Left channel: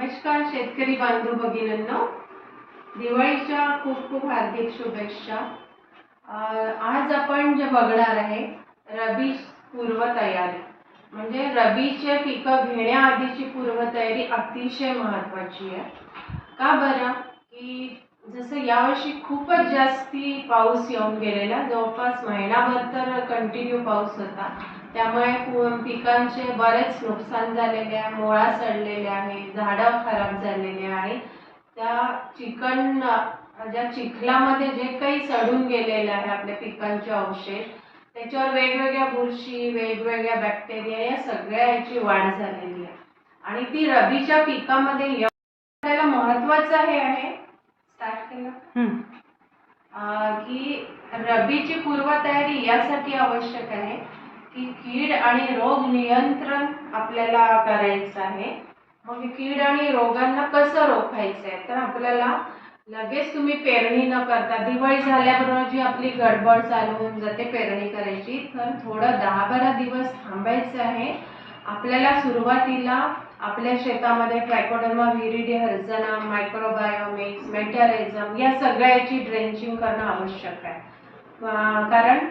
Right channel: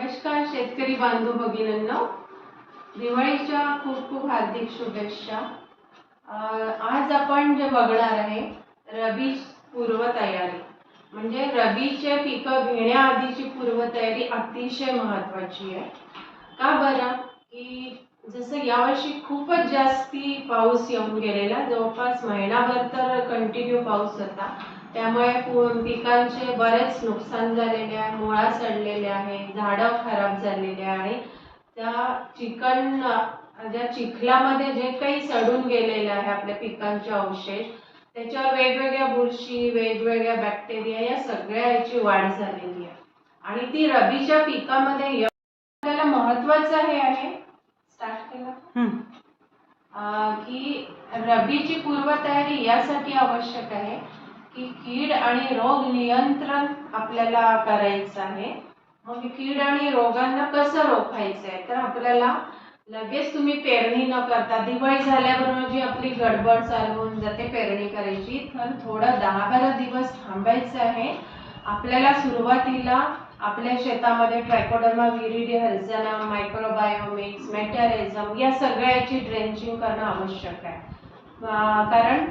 नमस्कार शेतकरी बांधव भगिनींनो. दिवाळीच्या खूप खूप हार्दिक शुभेच्छा. आज आपण जे बघणार आहे रबी पूर्वतयारी. म्हणजे रबीचे पिकं घेण्याआधीची पूर्वतयारी अतिशय महत्वाची आहे. का बरं? की जसं यावर्षी खूपच जास्ती पाऊस येऊन गेलेला जवळपास महिनाभर तर कंटिन्यू पाऊस होता. त्यामुळे पिकांचे बरेच नुकसान झालेले आहे मुळा सडलेले आहे झाडं खराब झालेले आहे आणि त्या चिकन ज्या चिखलामध्ये जे काही सडून गेलेलं आहे आपल्या पिकांचे अवशेष त्याच्यावर वेगवेगळ्या बुरशी वेगवेगळ्या बॅक्टेरिया या सगळ्या याची वाढ झालेली आहे. आणि ती रबीच्या पिकामध्ये आपल्याला महत्वाचं हे आहे स्टार्ट केलं की रबीची पूर्वतयारी यासाठी आवश्यक आहे. की कीड आणि रोग नियंत्रण आपल्याला करायचं आहे. मग कीड आणि रोगांना कसं रोखायचं आहे तर आपल्याला लगेच तुम्ही पेरणी न करता दिवाळी झाल्याबरोबर जी आपली गडबड चालू होऊन जाते पेरणी करायची तर थोडं दहा बारा दिवस थांबायचं आहे. आपल्याला सुरुवातीला आपल्या शेतामध्ये ट्रायकोडर्मा विरिडी हर्जना मायक्रोबायोमिक्स मेटॅरिझम या सगळ्याची ड्रेंचिंग करणं आवश्यक आहे. कारण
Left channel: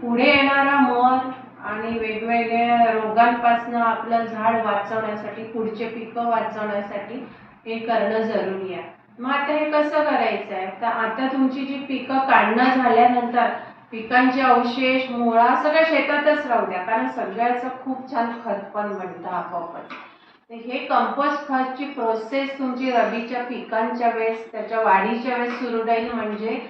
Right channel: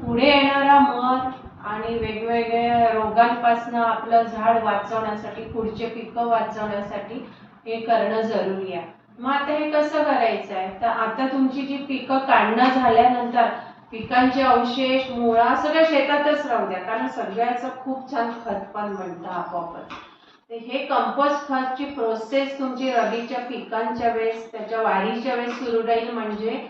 पुढे येणारा मध आणि वेगवेगळ्या रोगांपासून आपलं झाड वाचवण्यासाठी पुढचे पिकं वाचवण्यासाठी हे करणं जरुरी आहे. मग आता हे कसं करायचं आहे? तर आता तुमची जी पिकं काढणं झाल्यानंतर पिकांचे अवशेष मुळा सगळ्या शेतातच राहू द्या. कारण सगळ्याचं खूप छान खत पण बनतं आपोआपच. तर हे कंपोस्ट खतची प्रोसेस तुमची रबीच्या पिकांच्या वेळेस त्याच्या वाढीच्या वेळेस सुरू राहील. म्हणजे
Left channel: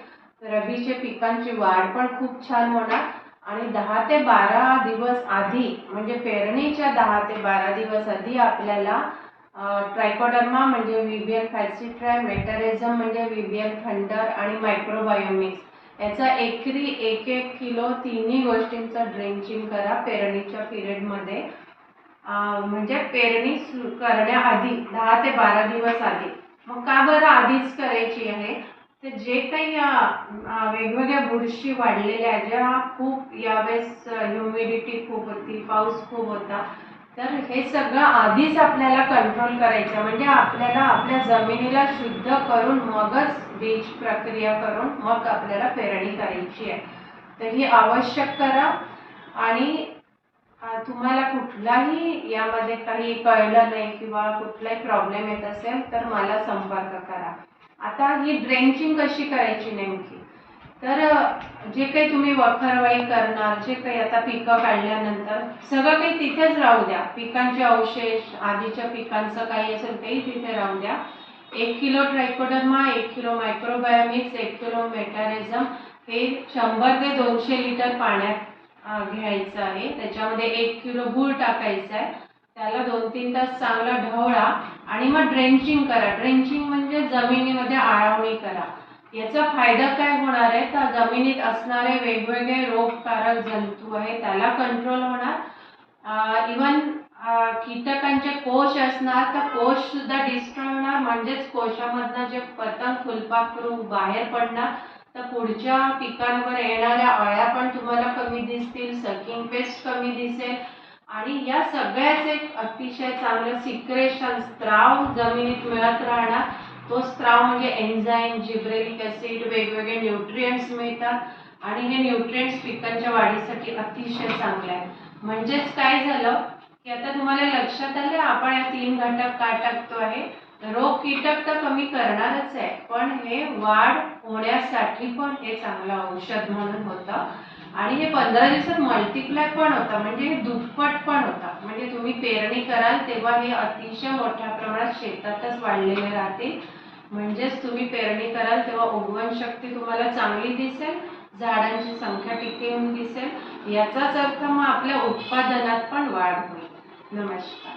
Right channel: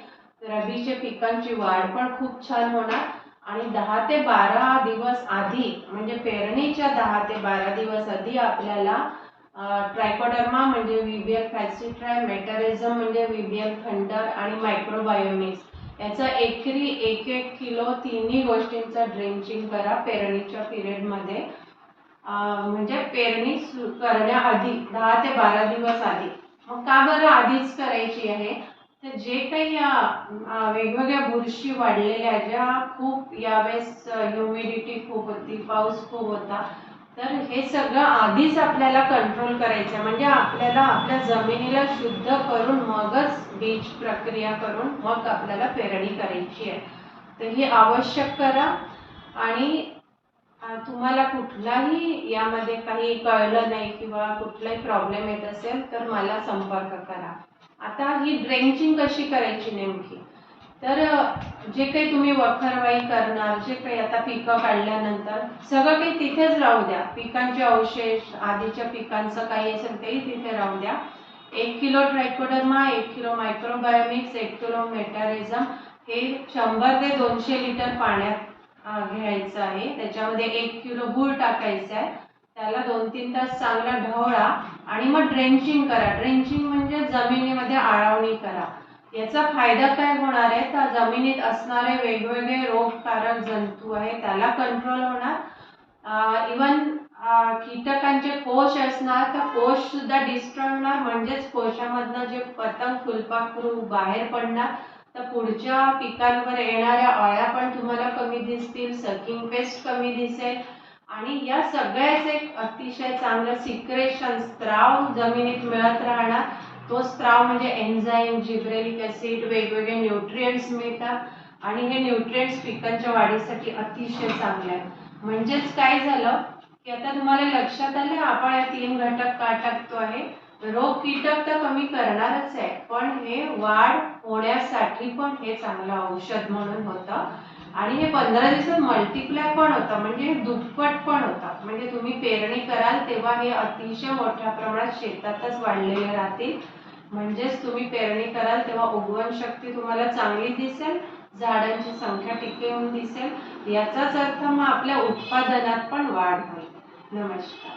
रबीच्या पिकांची वाढ पण खूप छान होणार. आणि दहा ते बारा दिवस आधी म्हणजे पेरणीच्या दहा ते बारा दिवस आधी आपल्याला ट्रायकोडर्मा म्हणजे विबिएल फॅसिट्राय मेटॅरिझम म्हणजे विबिएल थंडर आणि मायक्रोबायोमिक्स. याचा एकरी एक एक किलो तिन्ही गोष्टींचं ड्रेंचिंग करा पेरणीच्या पिरियडमध्ये. म्हणजे पेरणी सुरू करण्याआधी दहा ते बारा दिवस आधी. मग का बरं आधीच करायची आहे? तर जे काही या वेगवेगळ्या बुरशी वाढलेल्या आहेत ज्या खूप यावेळेस ह्युमिडिटी खूप होती पाऊस खूप होता तर हे सगळं आधीच आपल्याला कंट्रोल करायचं आहे. म्हणजे आपल्याला आपल्या जमिनीला शुद्ध करून मगच बीज प्रक्रिया करून मग आपल्याला पेरणी करायची आहे. तर ही आवश्यक करा. आणि तुम्हाला कुठलाही यामध्ये काही कळलं नाही किंवा कुठलाही प्रॉब्लेम येत असेल तर मला संपर्क करा. आता ही ड्रेंचिंग कशी करायची नेमकी? तर जे काही तुम्ही वखरवाई करणार जे काही आता पिकं काढल्यानंतर सगळं काही तिथेच राहू द्या. पिकांचे अवशेष आधीच्या पिकांचं काही असेल तेही तिथे राहू द्या. एक किलो ट्रायकोडर्मा एक किलो मायक्रोबायोमिक्स एक किलो मेटारिझम हे शंभर ते दोनशे लिटर पाण्यात घ्यायचं आहे. त्याच्यामध्ये एक किलो गूळ टाकायचं आहे. त्याला दोन तीन तास चांगला ढवळा आणि मग ड्रेंचिंग करा. ड्रेंचिंग म्हणजे जमिनीमध्ये आळवणी करा. याचा फायदा काय होणार आहे? तर जमिनीत असणारे वेगवेगळे रोगकारक जंतू आहे त्याला कंट्रोल होणार. इवन कीटकांचे कोश असणार तर कोश सुद्धा डिस्ट्रॉय होणार. म्हणजेच कोशामधनं जे पतंग फुलपाखरू बाहेर पडणार तर पुढच्या पिकांवर येणाऱ्या अळ्या पण तुम्हाला कमी दिसतील सकिंग पेस्ट कमी दिसेल. आणि या सगळ्याच एक अतिशय चांगलं सिक्रेशन स्त्राव जमिनीत मिळत राहणार तो स्त्राव म्हणजे एन्झाईम जिब्रेलिक ऍसिड वेगवेगळे न्यूट्रिएंट्स मिळतात. आणि हे न्यूट्रिएंट्स पिकांच्या वाढीसाठी अतिशय चांगले आहे म्हणजेच काय झालं की आता तुम्हाला लक्षात आलं आपण या तीन घटक का टाकतो आहे? रोग कीटक तर कमी करणारच आहे पण हे वाढ होण्यासाठी पण हे चांगलं औषध म्हणून होतं. आणि हे पंधरा दिवसात मल्टिप्लाय पण होतं म्हणजे हे दुप्पट पण होता. म्हणजे तुम्ही पेरणी कराल तेव्हा हे अतिशय मोठ्या प्रमाणात शेतातच वाढलेले राहतील म्हणजेच तुम्ही पेरणी कराल तेव्हा उगवण शक्ती तुम्हाला चांगली दिसेल झाडांची संख्या टिकवून दिसेल. याचाच अर्थ मग आपल्या उत्पादनात पण वाढ होईल. नमस्कार.